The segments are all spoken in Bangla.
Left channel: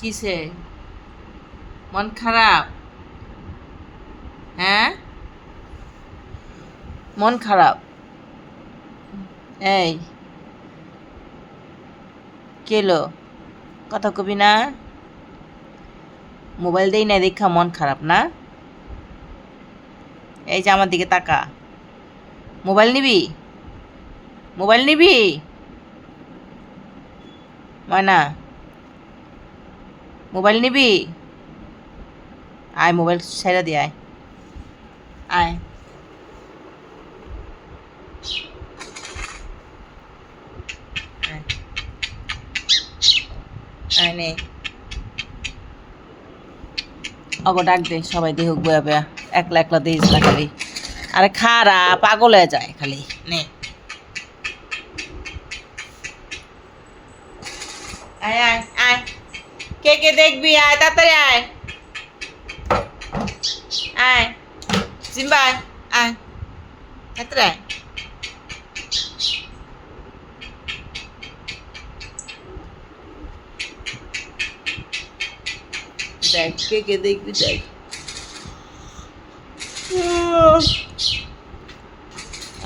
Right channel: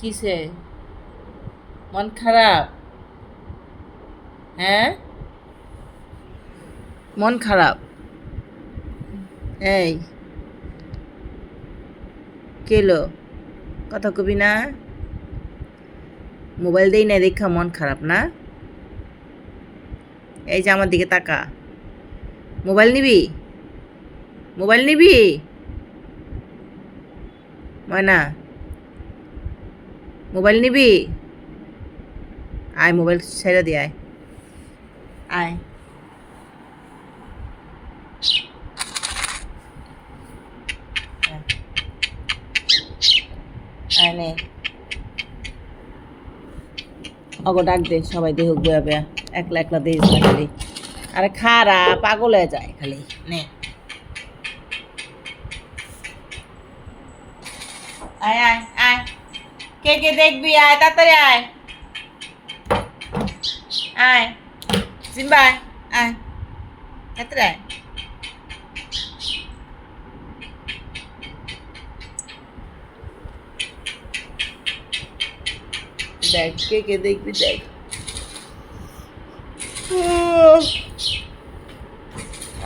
কিসে মন খারাপ? হ্যাঁ, মন খারাপ? এই কেলো কথা কবি না? মোবাইল দেই না দেখা মন খারাপ না? এই যে আমার দিকে তাকা। মোবাইল নিবি? মোবাইল নিবি? ময়না, মোবাইল নিবি? আয়, মোবাইল ছেড়ে দিয়ে আয়। আয়, আয়, আয় নে। অগো ডাক দে, সবাই দেখুক বয়া বয়া। একলা একলা দিস না খালি। আরে খারা পাগল হয়ে যায় খালি। নে, আয় আয় আয়। কে কে দেখবি? আয় তাড়াতাড়ি আয়। আয় সিম্বা, আয় আয় তাড়াতাড়ি আয়। দেখ কে কে দেখবি দেখ।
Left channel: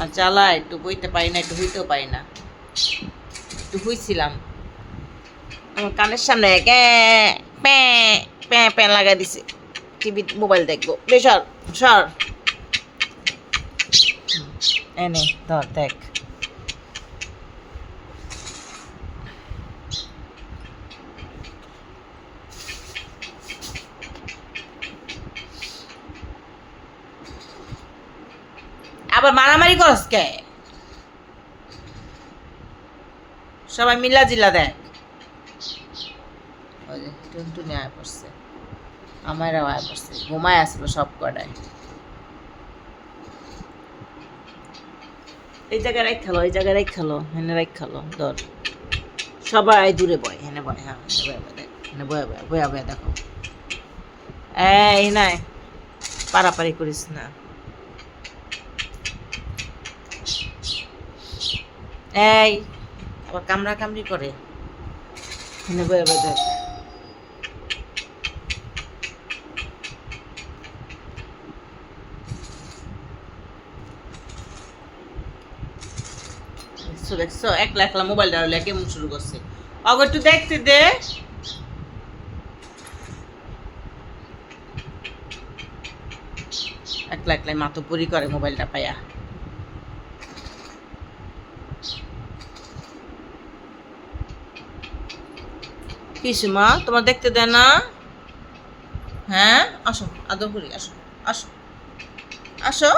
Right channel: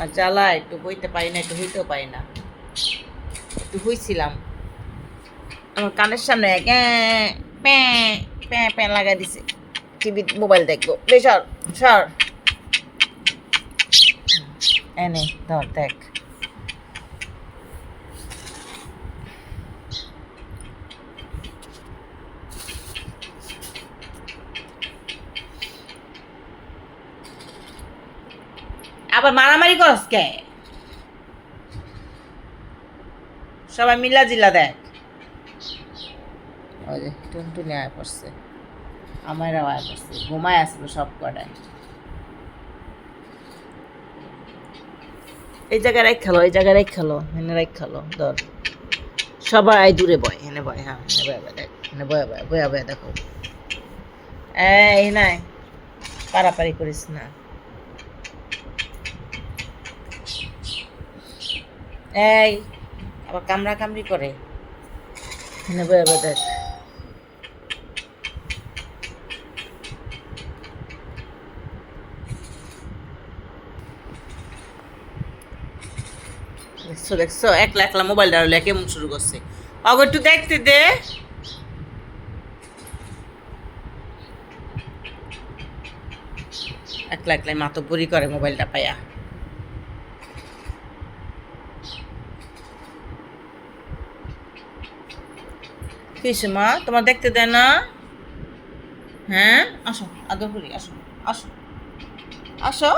আর জ্বালা একটু বইতে পারি না, একটু হইতেও পারি না। একটু হইছিলাম, আমার কানের সামনে প্যাঁ প্যাঁ প্যাঁ লাগাই দিছে। টিভি মোবাইল দেখবো। বেসর সর। এনে ধর দেখ। আবার মারামারি করস কে? সবাই মিলা জিলা দেখ। ওই যে টুনটুনি আয় পড়ছে, আমারও আয় পড়ছে, ঘুমায় আসলো সব কটায়। এই জায়গায় রাখ খেলো, এই জায়গায় রাখ খেলো, হেনে রাখ খেলো। ধর সবাই দূরে বয়, হেনে বয়। হ্যাঁ হেনে বয় বয় দেখ, হেনে বয় বয় বয়া বয়া দেখো। এই নাই, পারাপারি করিস না। এই আবার কামড়া কামড়ি করে। হেনে বয়া বয়া দেখ। দেখছো দেখছো, একলা একলা মোবাইল ডাউলে কেমন শুরু করছে। অগর একটু দেখতে দে। একলা একলাই মাতব্বরি করে মোবাইলটা পাইয়া। কিসে মা, তোমার দেখতে দেয় না? হ্যাঁ আসো, আদর করি, আসো আসো আসো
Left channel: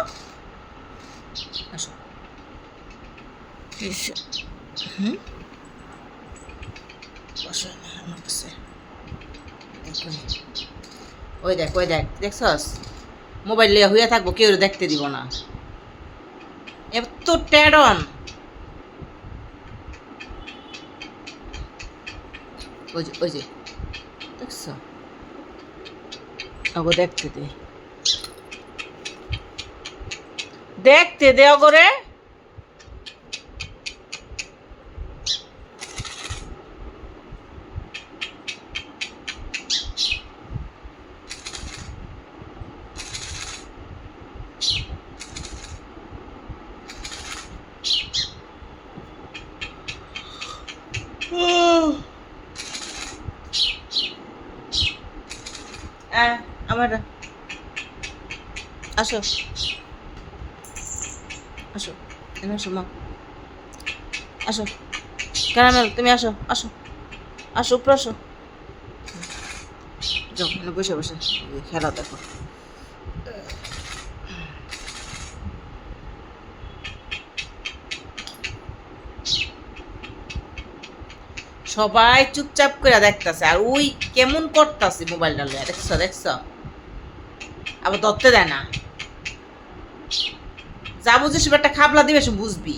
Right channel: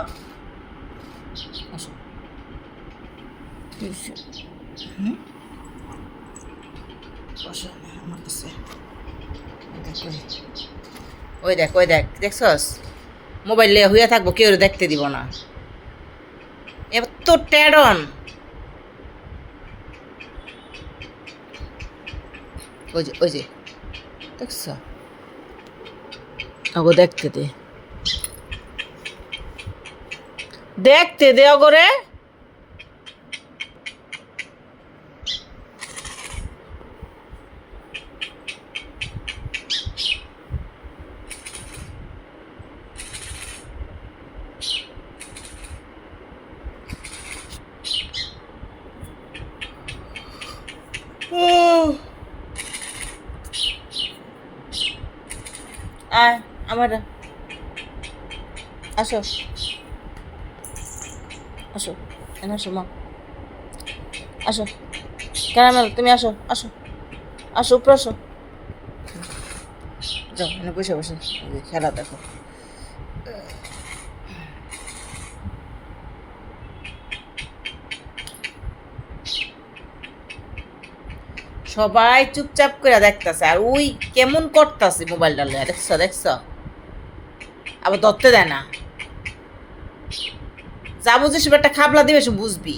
আসো। হুম, বসো আমার কাছে। দেখো, ওই দেখ ওই দেখ, দেখছস? মোবাইল লিয়ে হইয়া থাকবো, কেউ দেখতে দিব না। এবার তো টেডন। ওই যে ওই যে, দেখছ? ওগো দেখতে দে, দেখতে দে ওগরে। আয় আমার, আসো আসো, এনে আসো মা, আসো। ক্যারামেল তুমি আসো আসো আসো, উপরে আসো। যাও এনে বসে বসে খেলা দেখো। সবাই চুপচাপ করে দেখতেছে, আর ওই কেমন করতেছে মোবাইলটা লইয়া। দেখছো দেখছো, আবার ধরতে দেয় না। যা বুঝিস একটা খাবলা দিবে, সে বুঝবি।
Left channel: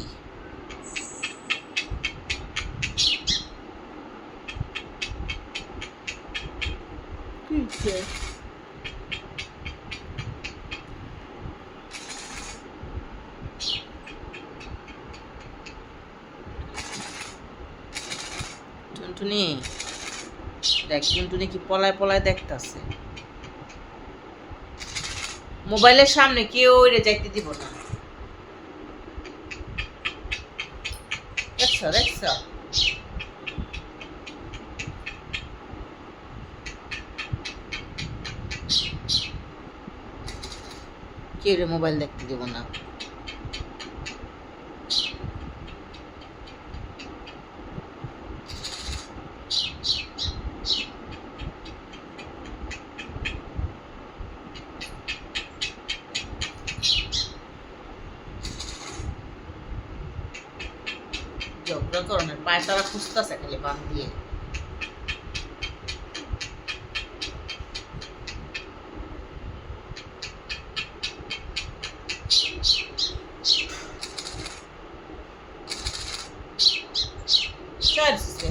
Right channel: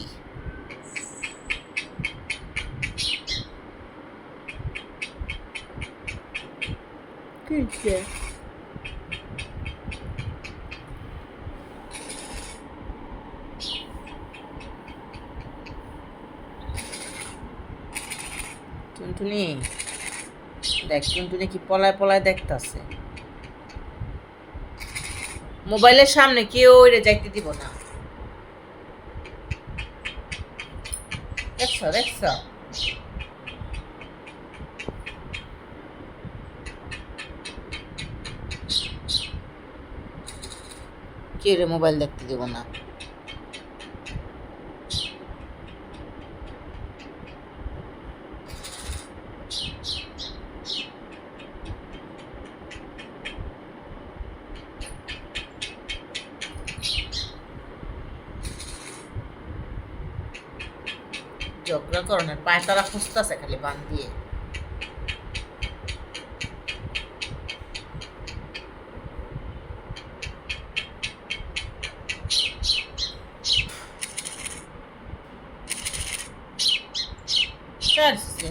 টুনটুনি দেখ কিন্তু নাকি পলায় পলায় দেখতাছে। মোবাইলের সামনে কেউ ওরে যাইতে দিব না। দেখছ দেখছ কেউ রে মোবাইল দেখতে দিব না। ঝগড়া করো না, পায়ে তালা খুঁজতেছে খালি বান দিয়ে। ছাড়ছে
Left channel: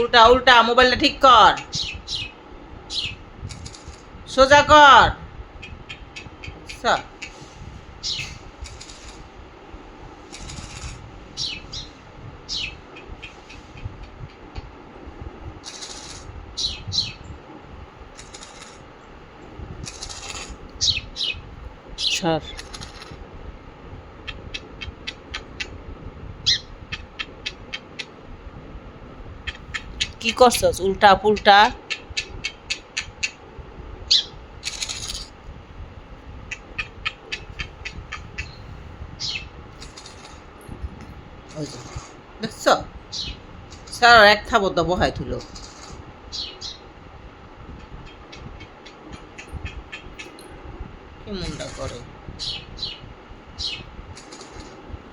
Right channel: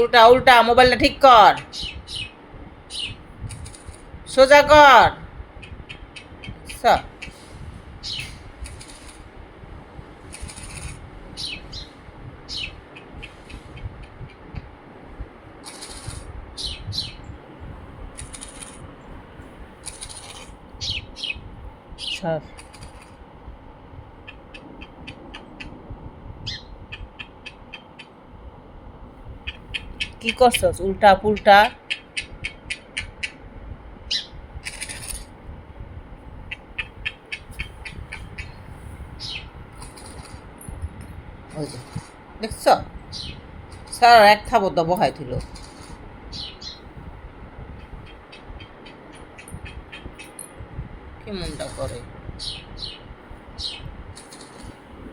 উল্টা উল্টা, মোবাইলটা ঠিক কর, সোজা কর। সর কি করছস উল্টা পুল্টা? ওই যে দেখছ, স্যার এক থাবত বহাই থুলো। কেমনটা করে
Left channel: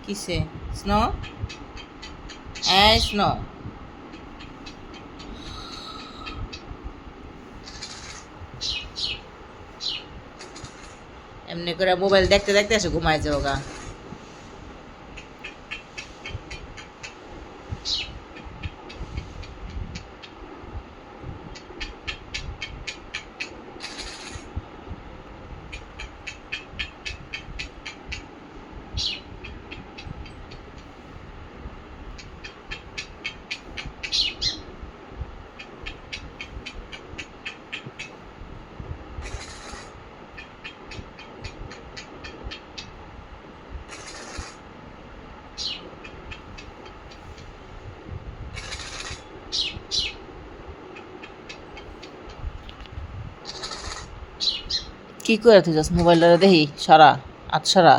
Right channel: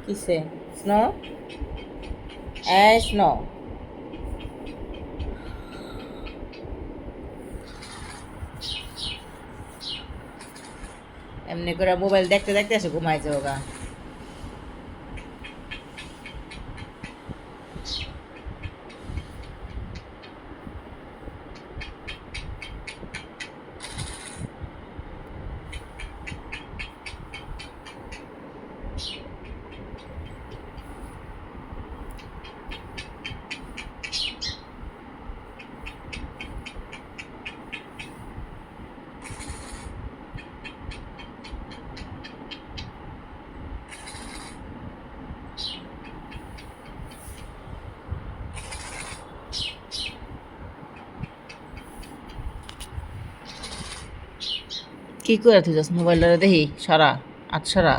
কিসে? স্নো স্নো এমনি করে মোবাইল দেখতে দেখতে এসে ঘুমাই যাও গা। কি করে তুই যাস মোবাইলটা দেখি সারা আচ্ছারা।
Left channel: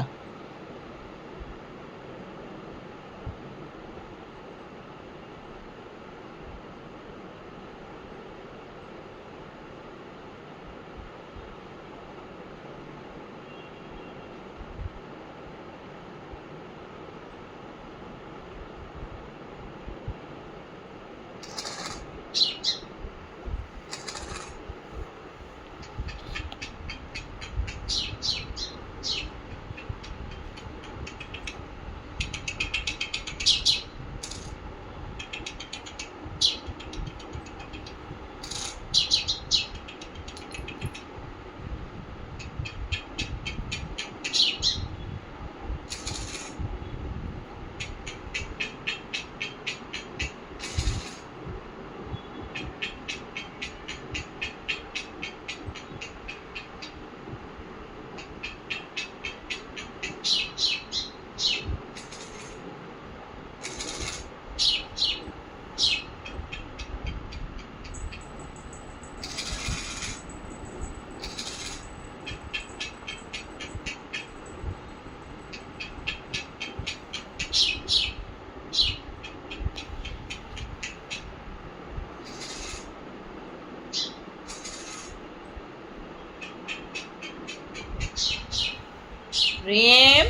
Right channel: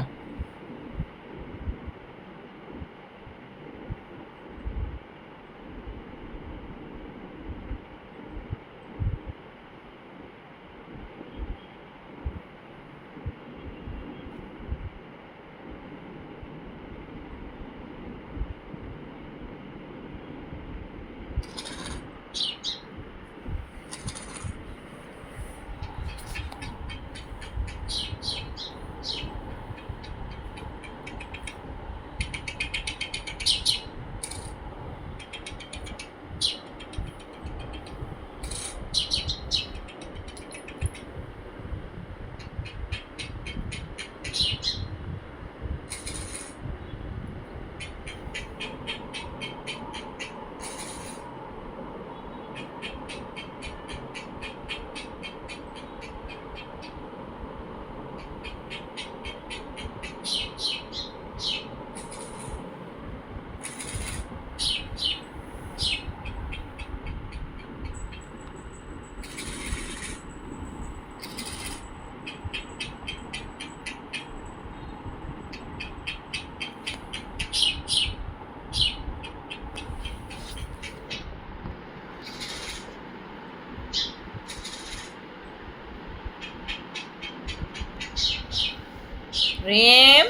রিম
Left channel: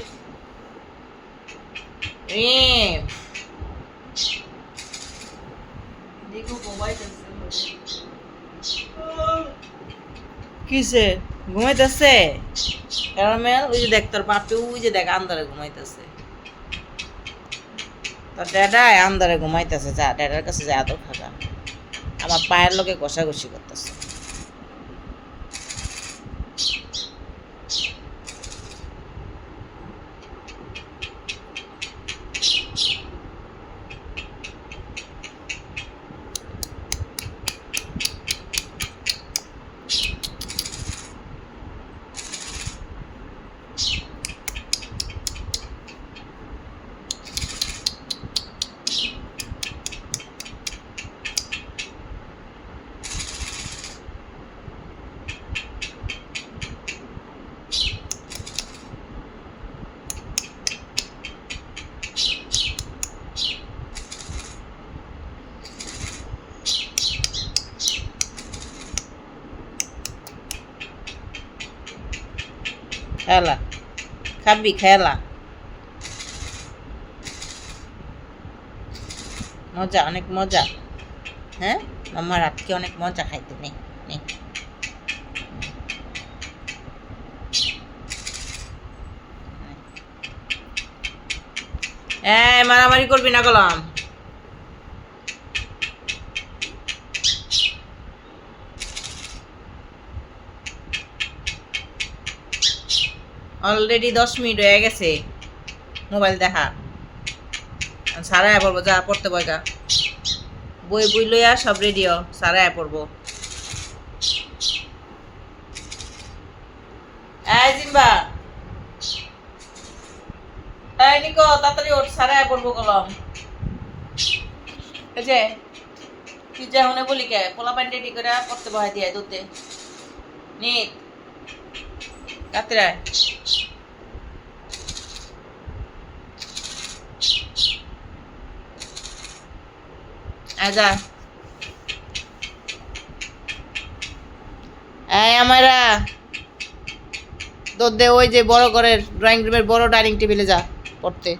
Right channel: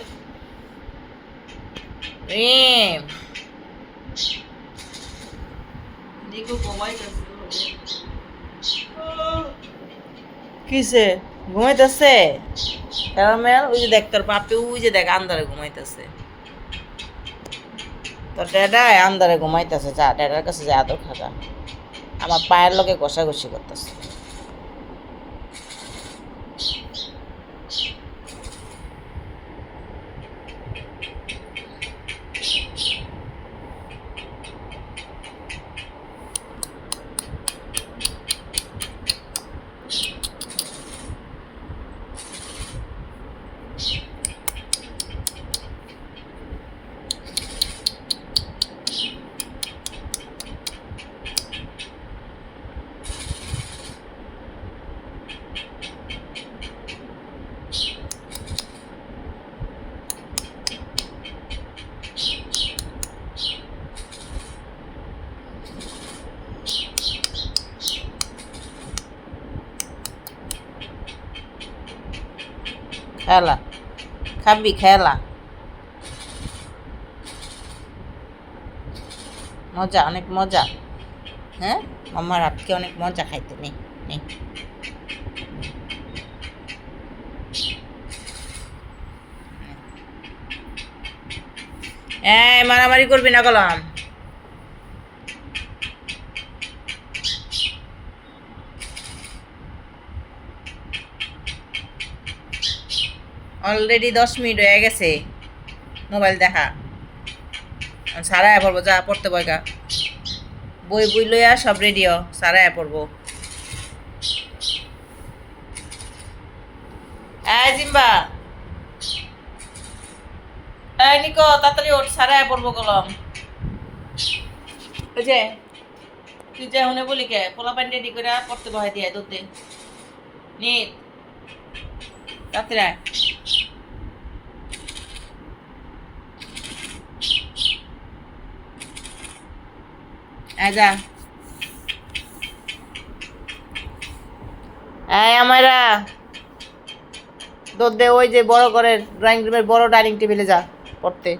রিম দেখো ঘুমাইতেছে কিসে ঘুমাইতেছে ক্যারামেল ওই যে দেখ তোর বাপে ওই যে দেখ আন্দারে ঘুমাইতেছে তোর ড্যাডায় আন্দারে ঘুমাইতেছে যা ড্যাডার কাছে যা আদর খাবা আমার পায়ের লোকে ঘষাঘষি করতেছে খেলা খাবি খেলা মজা অনেক মজা হ্যাঁ মাম্মার আজকে অনেক মজা খাইতে নেই নেই মারামারি করবি না কলম অলরেডি 10 মিনিট হয়ে গেছে মোবাইল দেখা সারা পড়বো যা পড়তে বইকা বই বই লইয়া সব রেডিও সারা পড়বো জিম্বা নিকো তাড়াতাড়ি ওঠ সারা পড়বো কলম ওই যে তুই যা হুনে বলি কে পোলা প্যান্ট রেডি করে পড়তে বহাই দিয়ে দুধে নিত রাত্রে আজা আমারা দুধ দে ওই যে বড় ঘরের ড্রয়িং রুমের বড় ডাইনিং টেবিলে যা পড়তে